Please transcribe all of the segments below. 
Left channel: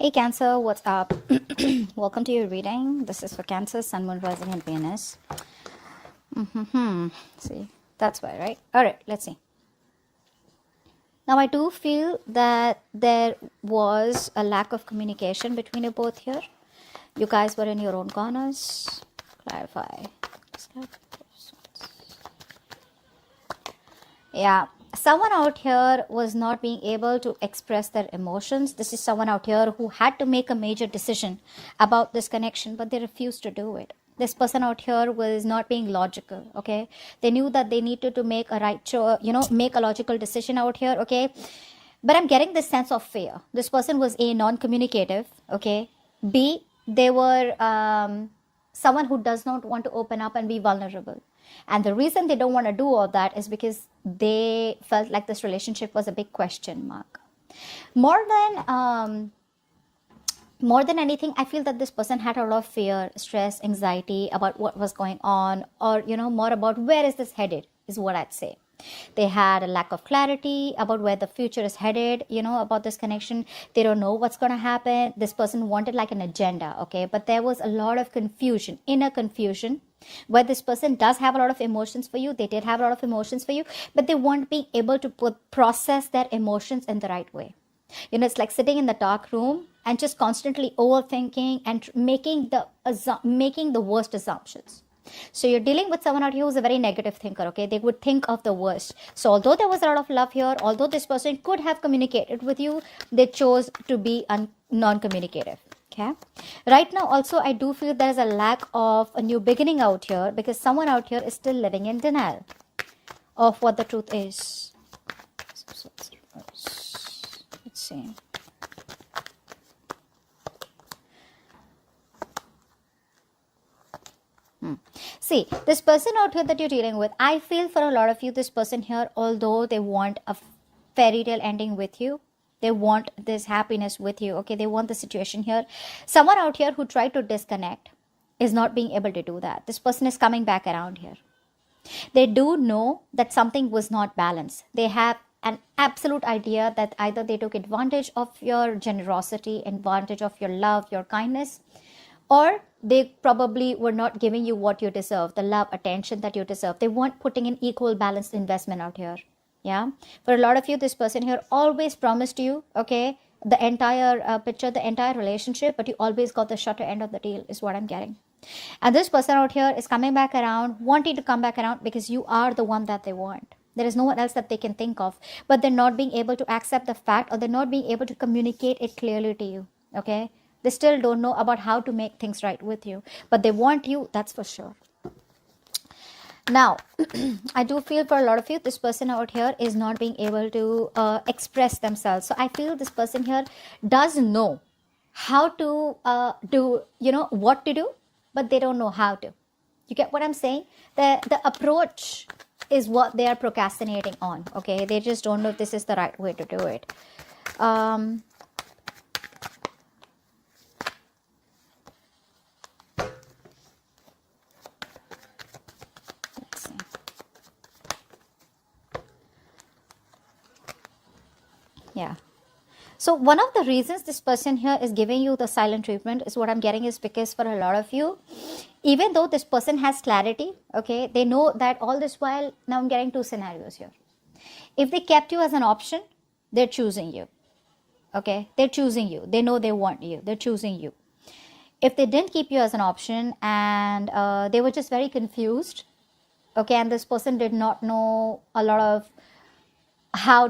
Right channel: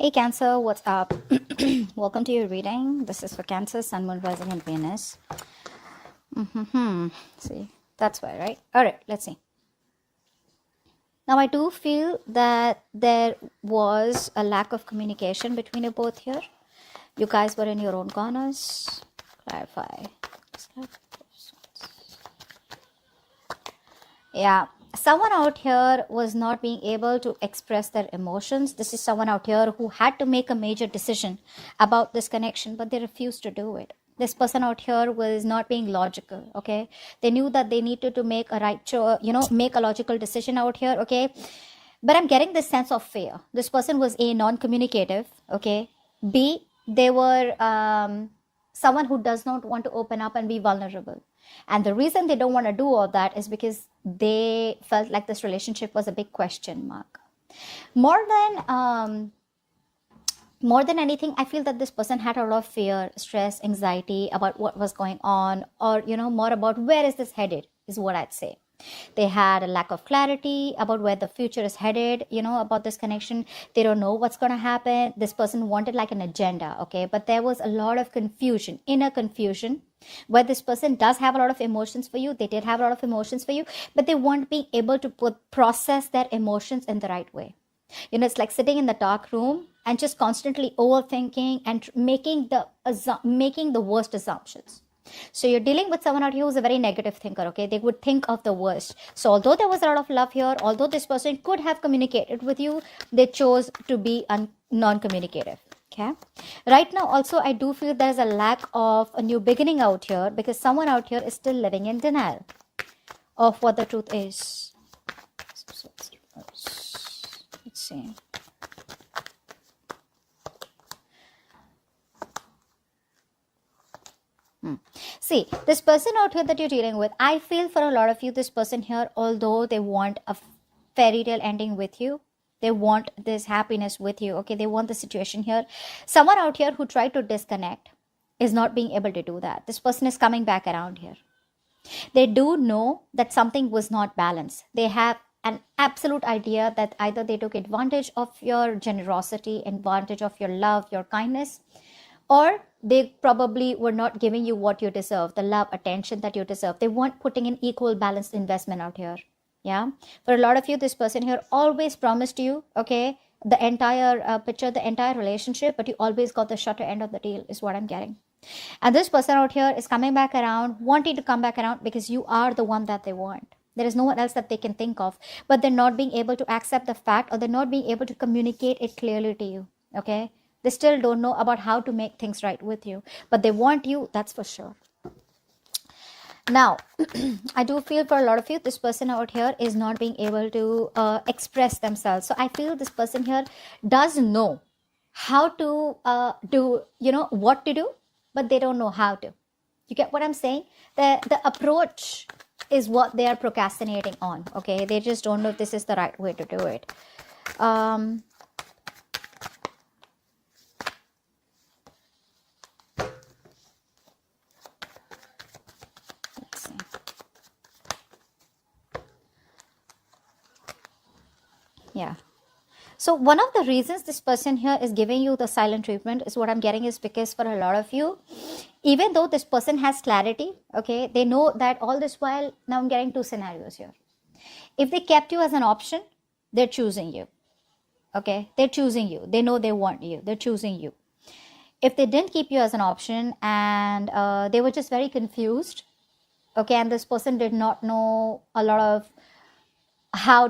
Hey Cancer, what's up? Welcome to your reading. This is for Cancer, Sun, Moon, Rising, and Venus. See, that's why, right? Alright, let's see. Now, I do feel that there was a lack of communication between you both here. You guys were in your own corners. Clarify. Yeah. Someone out here was not being able to express their emotions. This is someone out here who had to make a major decision about this connection, but they refused to do it. This person out here was not being logical, okay? They knew that they needed to make a right choice, make a logical decision out here, okay? But I'm getting this sense of fear. This person was A, non-communicative, okay? B, they were someone who does not want to open up and be vulnerable. And the reason they don't want to do all that is because they felt like this relationship was a big question mark. More than anything, I feel that this person had a lot of fear, stress, anxiety about what was going on, or, more about where is this headed, is what I'd say. They had a lack of clarity about where the future is headed, about this connection. They don't know what's going to happen. This person wanted like an agenda, okay? But there was a lot of confusion, inner confusion, where this person does have a lot of emotions for you. They did have a lot of emotions for you, but they won't be able to process their emotions in the right way. It's like sitting in the dark room and just constantly overthinking and making the worst assumptions. So you're dealing with someone out here who's a very negative thinker, okay? They would think of the worst. So although there was a lot of love here, although this person could have communicated with you, they chose to be non-communicative, okay? Right now, also, I do feel there's a lack of a new beginning out here because someone out here is still living in denial of what the truth is. Let's see. See, this person out here that you're dealing with, I feel for a lot of you, this person here, although they want a fairy tale ending with you, they want this happiness with you, okay? They want the situation here. Someone out here who tried to disconnect is not being able to do that. This person is coming back around here. They do know that something was not balanced. They have an absolute idea that either they took advantage of your generosity, advantage of your love, your kindness, or they probably were not giving you what you deserve, the love, attention that you deserve. They weren't putting in equal balanced investment out here. Yeah. For a lot of you, this person here always promised you, okay, the entire picture, the entire relationship, but you always got the shorter end of the deal is what I'm getting. And this person out here is coming back around, wanting to come back around because you are the one that they want. There is no one else that they can think of, but they're not being able to accept the fact, or they're not being able to communicate it clearly to you, okay? They still don't know about how to make things right with you, but they want you, that's for sure. Now, I do feel for a lot of you, this person out here is not being able to express themselves. So I feel this person here does know how to do, what to do, but they don't know how to. You get what I'm saying? The approach is what they are procrastinating on, okay? They just don't know if this is the right way to do it. Yeah. So one of the reasons this person here is giving you the silent treatment is what I'm getting is because for a lot of you, even though this person has clarity, okay, they know that all this while, now I'm getting two scenarios here. If they kept you as an option, they're choosing you, okay? They're choosing you. They know they want you. They're choosing you. If they didn't keep you as an option and they were just very confused, okay, and this person did not know a lot of how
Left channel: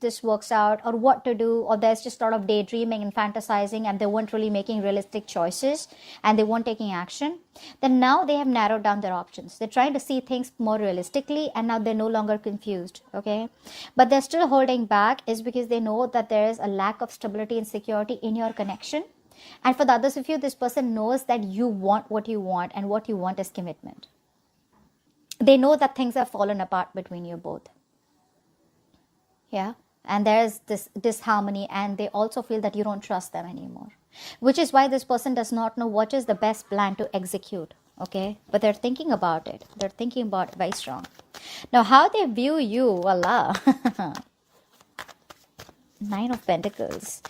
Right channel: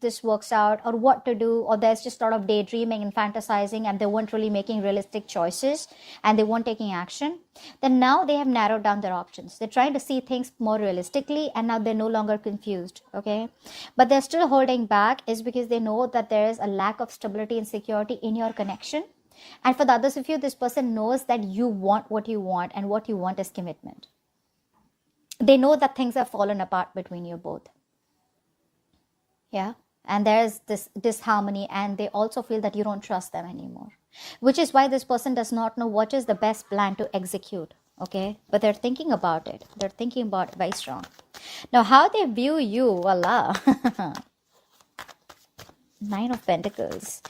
this works out or what to do, or there's just a lot of daydreaming and fantasizing and they weren't really making realistic choices and they weren't taking action, then now they have narrowed down their options. They're trying to see things more realistically and now they're no longer confused, okay? But they're still holding back is because they know that there is a lack of stability and security in your connection. And for the others of you, this person knows that you want what you want, and what you want is commitment. They know that things have fallen apart between you both. Yeah, and there's this disharmony, and they also feel that you don't trust them anymore, which is why this person does not know what is the best plan to execute, okay? But they're thinking about it. They're thinking about it very strong. Now, how they view you, voila. Nine of Pentacles.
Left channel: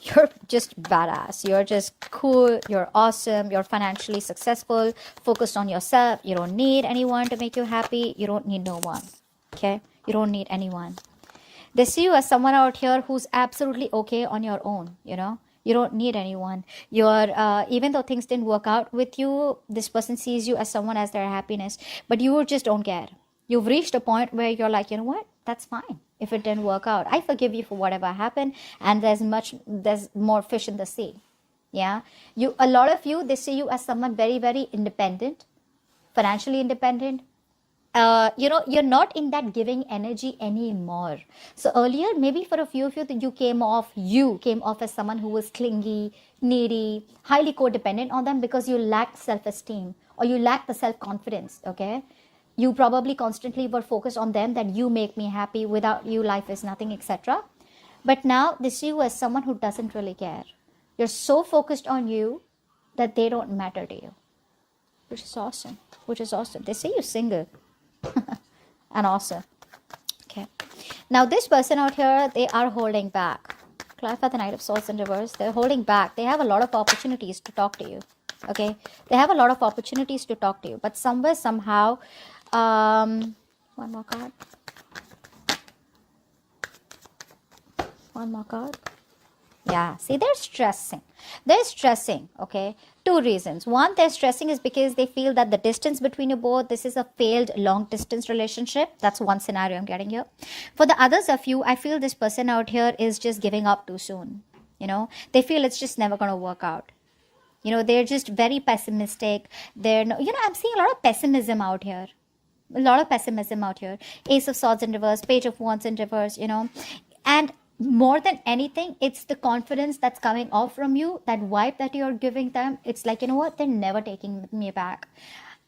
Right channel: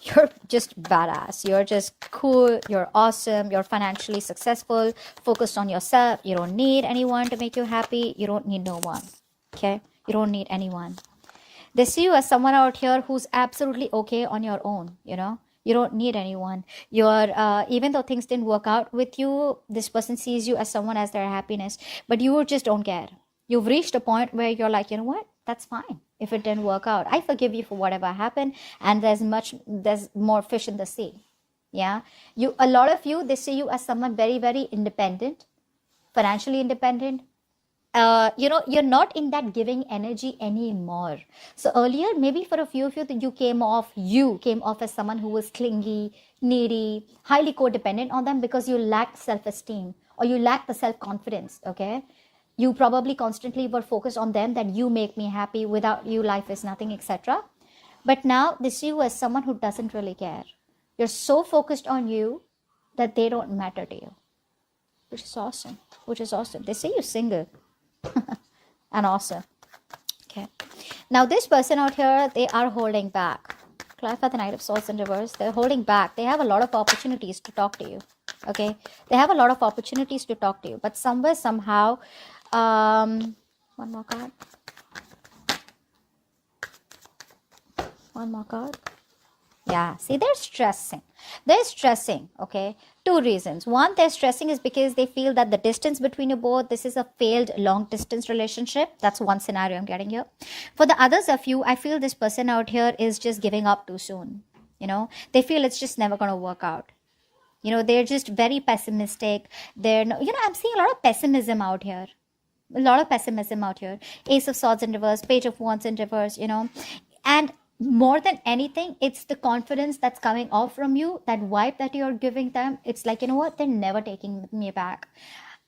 You're just badass. You're just cool. You're awesome. You're financially successful. Focused on yourself. You don't need anyone to make you happy. You don't need no one. Okay? You don't need anyone. They see you as someone out here who's absolutely okay on your own, you know? You don't need anyone. You're, even though things didn't work out with you, this person sees you as someone as their happiness, but you just don't care. You've reached a point where you're like, you know what? That's fine. If it didn't work out, I forgive you for whatever happened, and there's more fish in the sea. Yeah. A lot of you, they see you as someone very, very independent, financially independent. You're not in that giving energy anymore. So earlier, maybe for a few of you, you came off as someone who was clingy, needy, highly codependent on them because you lacked self-esteem or you lacked the self-confidence. Okay. You probably constantly were focused on them, that you make me happy, without you life is nothing, etc. But now they see you as someone who doesn't really care. You're so focused on you that they don't matter to you, which is awesome. They see you single and awesome. Okay, now this person out here, they are holding back. Clarify the Knight of Swords in reverse. They're holding back. They have a lot of opportunities to talk to you. Okay, they have a lot of opportunities to talk to you, but somewhere, somehow, one more card. One more card. Yeah, see, they're stressing. Okay? 2 reasons. One, they're stressing is because they feel that the distance between you both, this is a failed long distance relationship. That's one scenario I'm getting here. For the others of you, I feel this person out here is just giving up too soon. You know, they feel it's just never going to work out. You know, they're just very pessimistic. I'm seeing a lot of pessimism out here. Ace of Swords in reverse, Page of Wands in reverse, you know. And more than anything, it's the confidence that's coming off from you, that vibe that you're giving them. It's like, you know what, they're never taking me back.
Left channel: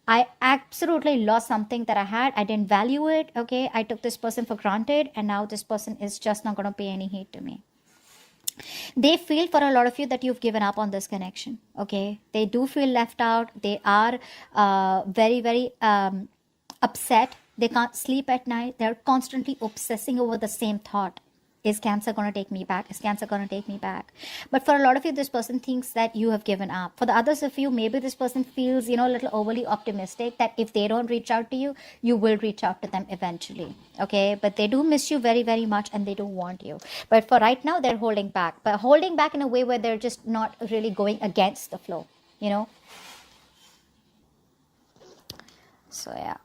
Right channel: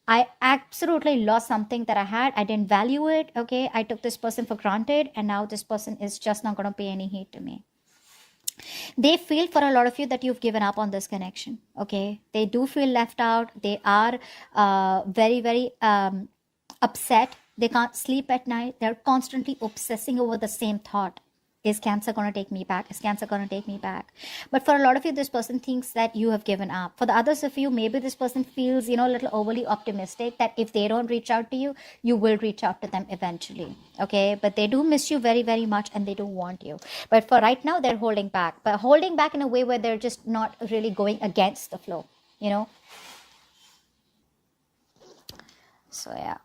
I absolutely lost something that I had. I didn't value it. Okay, I took this person for granted, and now this person is just not going to pay any heed to me. They feel, for a lot of you, that you've given up on this connection. Okay, they do feel left out. They are very, very upset. They can't sleep at night. They're constantly obsessing over the same thought. Is Cancer going to take me back? Is Cancer going to take me back? But for a lot of you, this person thinks that you have given up. For the others of you, maybe this person feels, a little overly optimistic that if they don't reach out to you, you will reach out to them eventually. Okay? But they do miss you very, very much, and they do want you. But for right now, they're holding back. But holding back in a way where they're just not really going against the flow. So, yeah.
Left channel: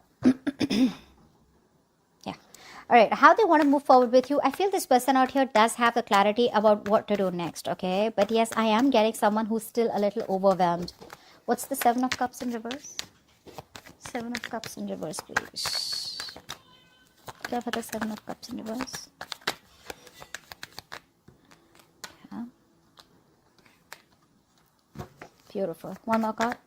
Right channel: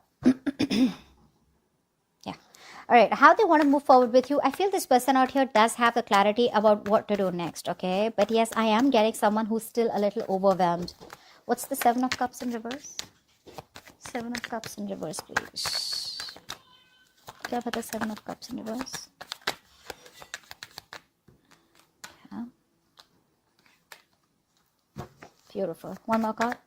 All right, how they want to move forward with you. I feel this person out here does have the clarity about what to do next, okay? But yes, I am getting someone who's still a little overwhelmed. What's the 7 of Cups in reverse? 7 of Cups in reverse, please. Okay, for the 7 of Cups in reverse. Yeah. Beautiful. One more card.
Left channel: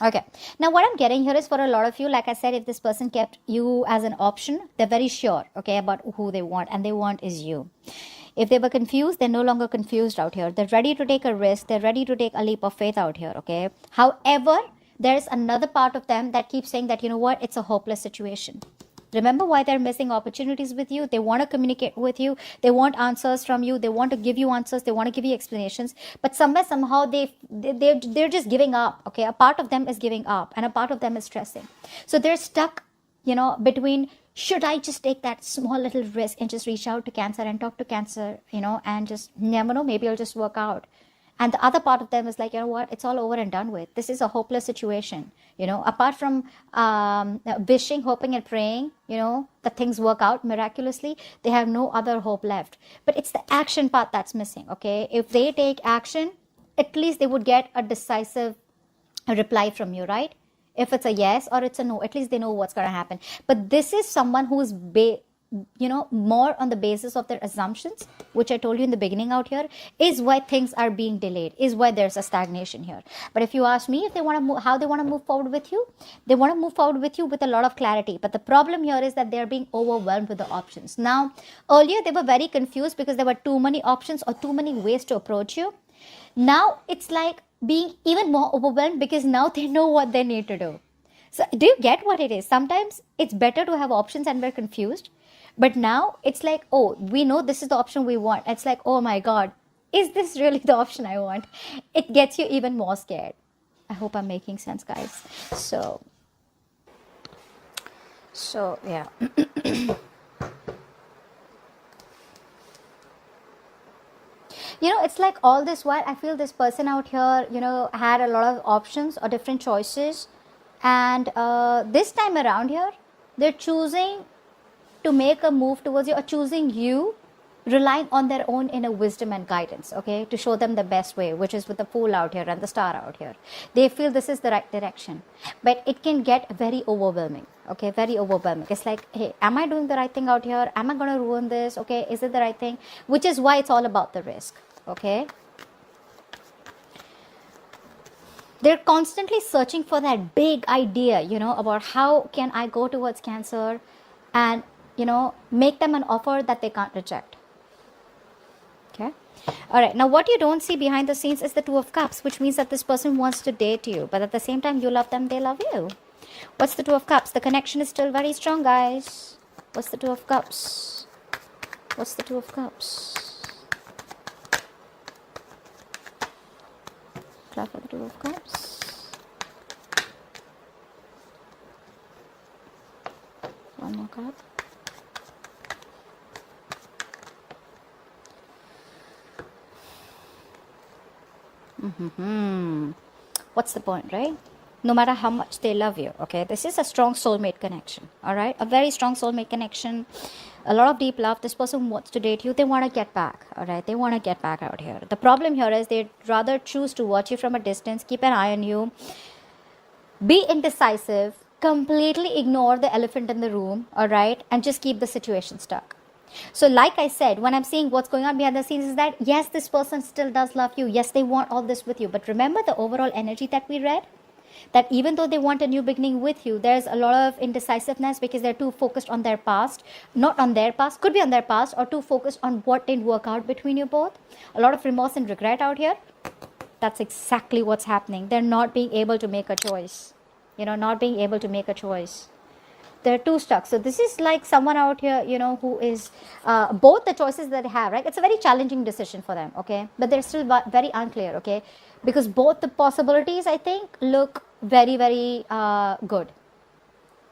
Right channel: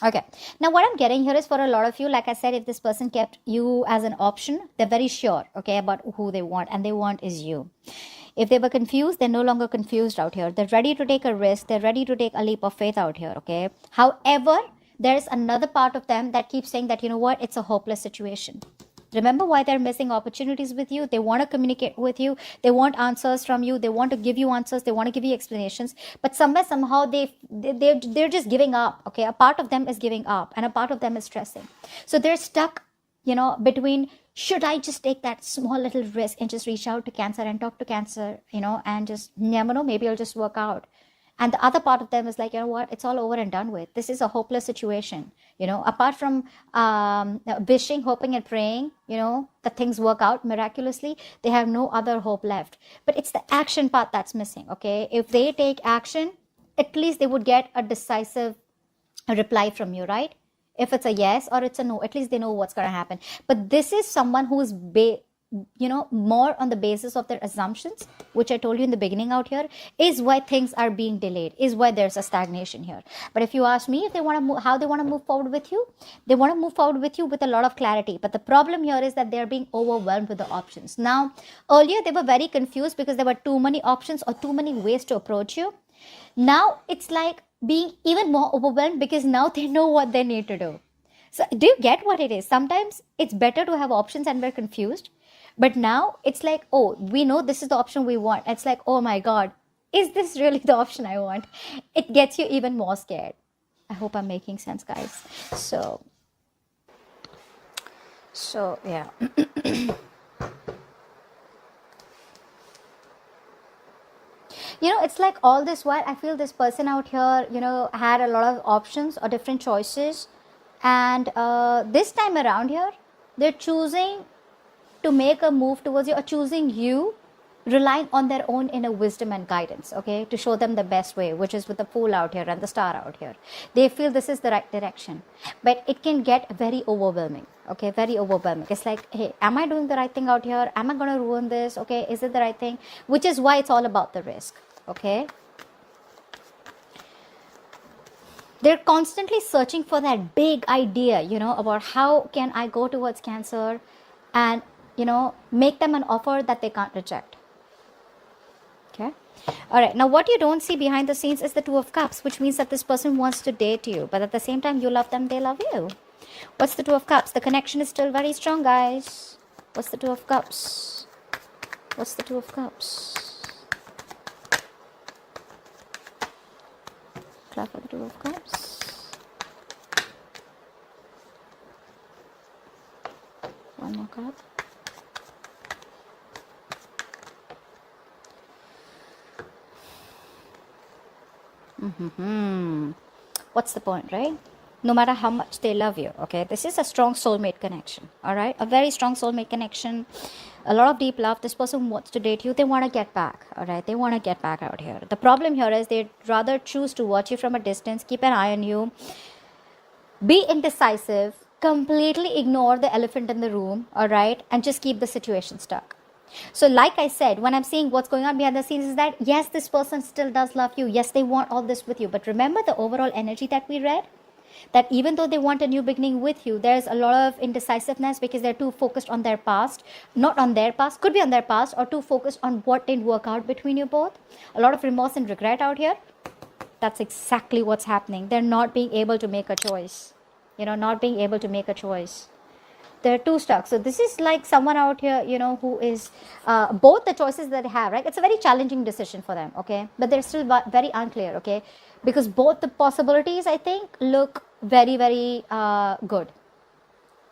Okay, now what I'm getting here is, for a lot of you, like I said, if this person kept you as an option, they're very sure, okay, about who they want, and they want is you. If they were confused, they're no longer confused out here. They're ready to take a risk. They're ready to take a leap of faith out here, okay? However, there's another part of them that keeps saying that, you know what, it's a hopeless situation. Remember why they're missing opportunities with you. They want to communicate with you. They want answers from you. They want to give you answers. They want to give you explanations. But somehow they're just giving up. Okay, a part of them is giving up, and a part of them is stressing. So they're stuck, between, should I just take that small little risk and just reach out to Cancer and talk to Cancer, and just, maybe it'll just work out. And the other part of them is like, you know what, it's all over and done with. This is a hopeless situation. Apart from wishing, hoping, and praying, that things work out miraculously, they have no other hope left. But it's the action part that's missing, okay? If they take action, at least they would get a decisive reply from you, right? If it's a yes or it's a no, at least they know what's going to happen. But this is someone who is more on the basis of their assumptions, which I told you in the beginning out here, is why things are being delayed, is why there's a stagnation here. But if you ask me if they want to how they want to move forward with you, they want to move forward with you with a lot of clarity. But the problem here is that they're being overwhelmed with the options. Now, earlier they were very confused because there were too many options or too many ways to approach you. Now it's like being even more overwhelmed because now they know what they need to do. So do you get what it is? Sometimes it's better to have options and we're confused. But now it's like, oh, we know this is the option we want. It's like, oh my God, is this really the option I want? It gets you even more scared. I hope I'm making sense, guys. So yeah. It's like all this while I feel this person out here, had a lot of options or different choices. And this time around here, they're choosing to make a move towards you or choosing you, relying on their own inner wisdom and guidance, okay, to show them the best way, which is with the Fool out here and the Star out here. They feel this is the right direction, but it can get very overwhelming, okay, very overwhelming. It's like, hey, am I doing the right thing out here? Am I going to ruin this? Okay, is it the right thing? Which is why it's all about the risk, okay. They're constantly searching for that big idea, about how can I go towards Cancer and, make them an offer that they can't reject. Okay. All right. Now, what you don't see behind the scenes is the Two of Cups, which means that this person wants to date you, but at the same time, you love them, they love you. What's the Two of Cups? The connection is still very strong, guys. What's the Two of Cups? What's the Two of Cups? Clarify the Two of Cups. One more card. What's the point, right? No matter how much they love you, okay? This is a strong soulmate connection, all right? A very strong soulmate connection, a lot of deep love. This person wants to date you. They want to get back, all right? They want to get back out here. The problem here is they'd rather choose to watch you from a distance, keep an eye on you, be indecisive, completely ignore the elephant in the room, all right? And just keep the situation stuck. So like I said, when I'm seeing what's going on behind the scenes is that, yes, this person still does love you. Yes, they want all this with you. But remember the overall energy that we read? That even though they want a new beginning with you, there's a lot of indecisiveness because they're too focused on their past. Not on their past, could be on their past, or too focused on what didn't work out between you both. A lot of remorse and regret out here. That's exactly what's happening. They're not being able to make a choice. Not being able to make a choice. They're too stuck. So this is like someone out here, who is both the choices that they have, right? It's a very challenging decision for them, okay? But they're still very unclear, okay? Because both the possibilities, I think, look very, very good.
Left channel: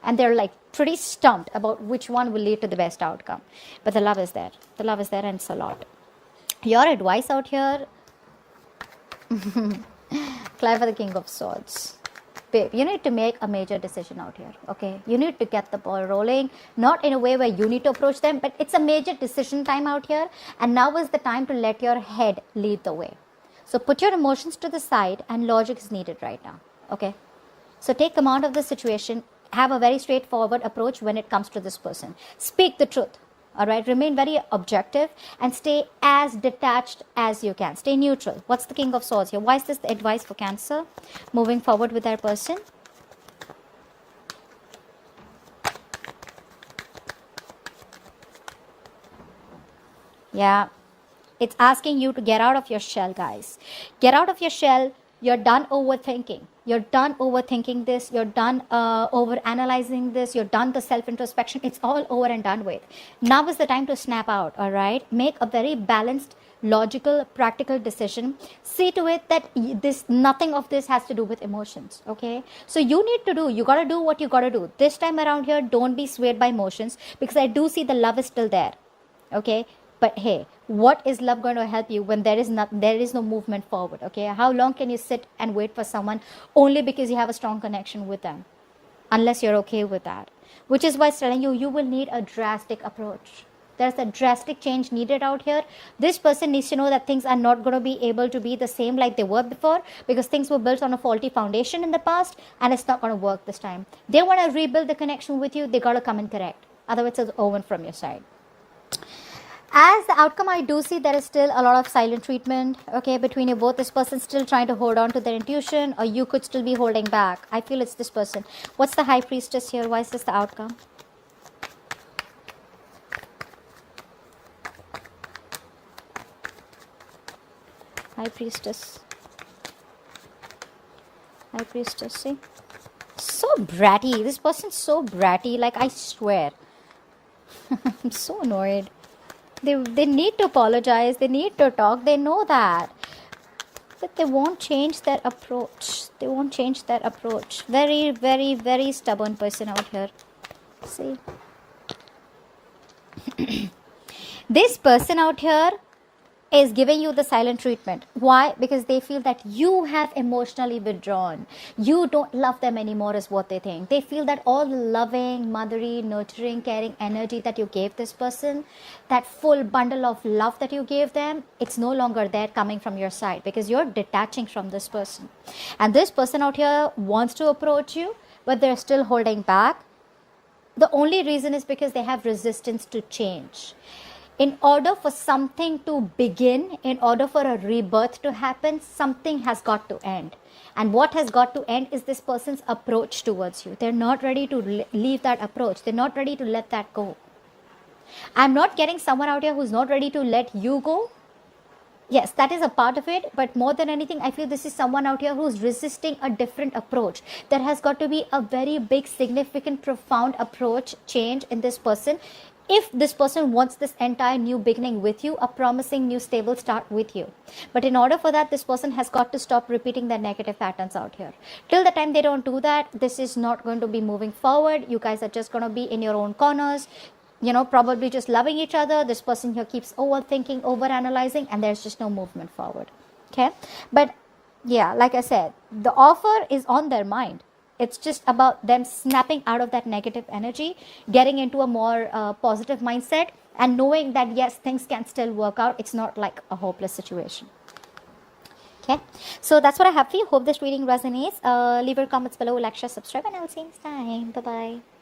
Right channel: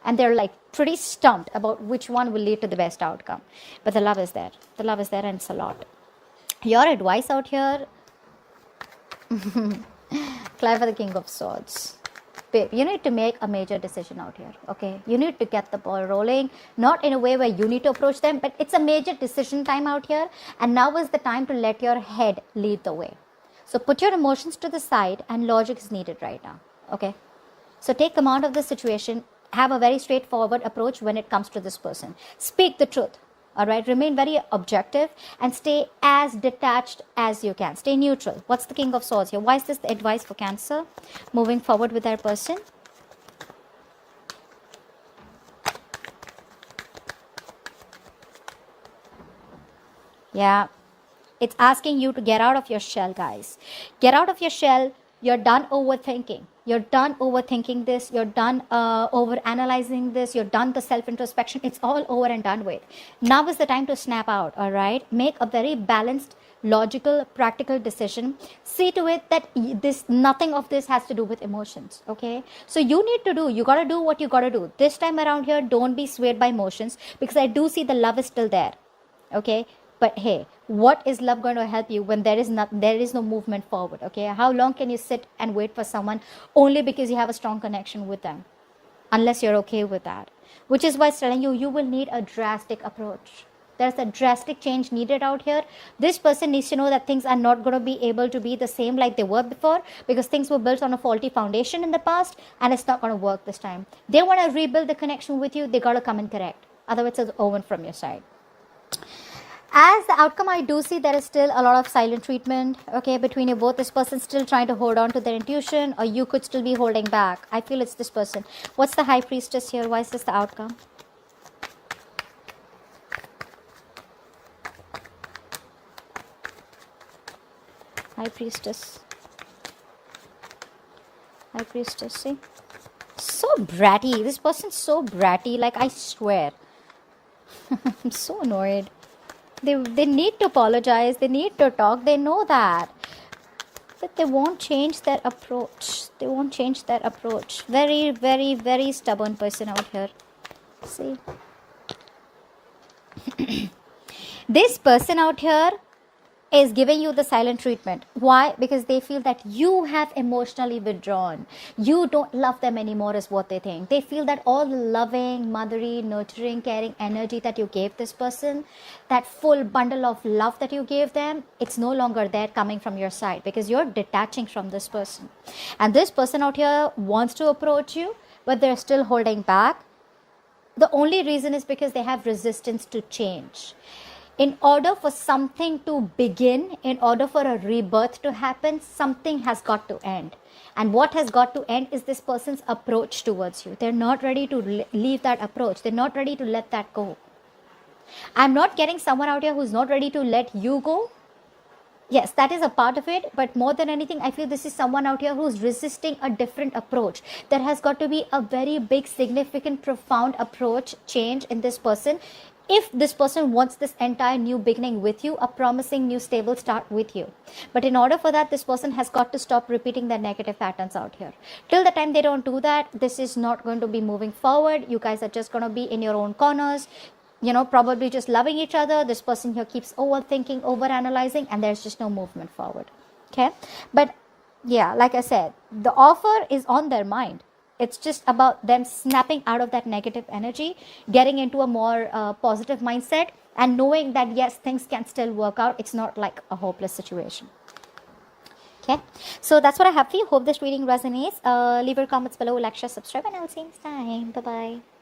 And they're like pretty stumped about which one will lead to the best outcome. But the love is there. The love is there, and it's a lot. Your advice out here, fly for the King of Swords. You need to make a major decision out here, okay? You need to get the ball rolling, not in a way where you need to approach them, but it's a major decision time out here, and now is the time to let your head lead the way. So put your emotions to the side, and logic is needed right now, okay? So take command of the situation, have a very straightforward approach when it comes to this person. Speak the truth. All right, remain very objective and stay as detached as you can. Stay neutral. What's the King of Swords here? Why is this the advice for Cancer moving forward with that person? Yeah, it's asking you to get out of your shell, guys. Get out of your shell. You're done overthinking. You're done overthinking this. You're done over-analyzing this. You're done the self-introspection. It's all over and done with. Now is the time to snap out, all right? Make a very balanced, logical, practical decision. See to it that nothing of this has to do with emotions, okay? So you got to do what you got to do. This time around here, don't be swayed by emotions, because I do see the love is still there, okay? But hey, what is love going to help you when there is no movement forward, okay? How long can you sit and wait for someone only because you have a strong connection with them? Unless you're okay with that. Which is why I'm telling you, you will need a drastic approach. There's a drastic change needed out here. This person needs to know that things are not going to be able to be the same like they were before, because things were built on a faulty foundation in the past, and it's not going to work this time. They want to rebuild the connection with you. They got to come and correct. Otherwise, it's over from your side. As the outcome, I do see there is still a lot of silent treatment, okay, between you both. This person still trying to hold on to their intuition, or you could still be holding back. I feel it's this person. What's the High Priestess here? Why is this the outcome? High Priestess. High Priestess, see? So bratty. This person's so bratty. Like, I swear. I'm so annoyed. They need to apologize. They need to talk. They know that. But they won't change their approach. They won't change their approach. Very, very, very stubborn person out here. See? This person out here is giving you the silent treatment. Why? Because they feel that you have emotionally withdrawn. You don't love them anymore is what they think. They feel that all the loving, mothery, nurturing, caring energy that you gave this person, that full bundle of love that you gave them, it's no longer there coming from your side because you're detaching from this person. And this person out here wants to approach you, but they're still holding back. The only reason is because they have resistance to change. In order for something to begin, in order for a rebirth to happen, something has got to end. And what has got to end is this person's approach towards you. They're not ready to leave that approach. They're not ready to let that go. I'm not getting someone out here who's not ready to let you go. Yes, that is a part of it, but more than anything, I feel this is someone out here who's resisting a different approach. There has got to be a very big, significant, profound approach change in this person. If this person wants this entire new beginning with you, a promising new stable start with you. But in order for that, this person has got to stop repeating the negative patterns out here. Till the time they don't do that, this is not going to be moving forward. You guys are just going to be in your own corners. You know, probably just loving each other. This person here keeps overthinking, overanalyzing, and there's just no movement forward. Okay? But yeah, like I said, the offer is on their mind. It's just about them snapping out of that negative energy, getting into a more positive mindset, and knowing that yes, things can still work out. It's not like a hopeless situation. Okay, so that's what I have for you. Hope this reading resonates. Leave your comments below, like, share, subscribe, and I'll see you next time. Bye bye.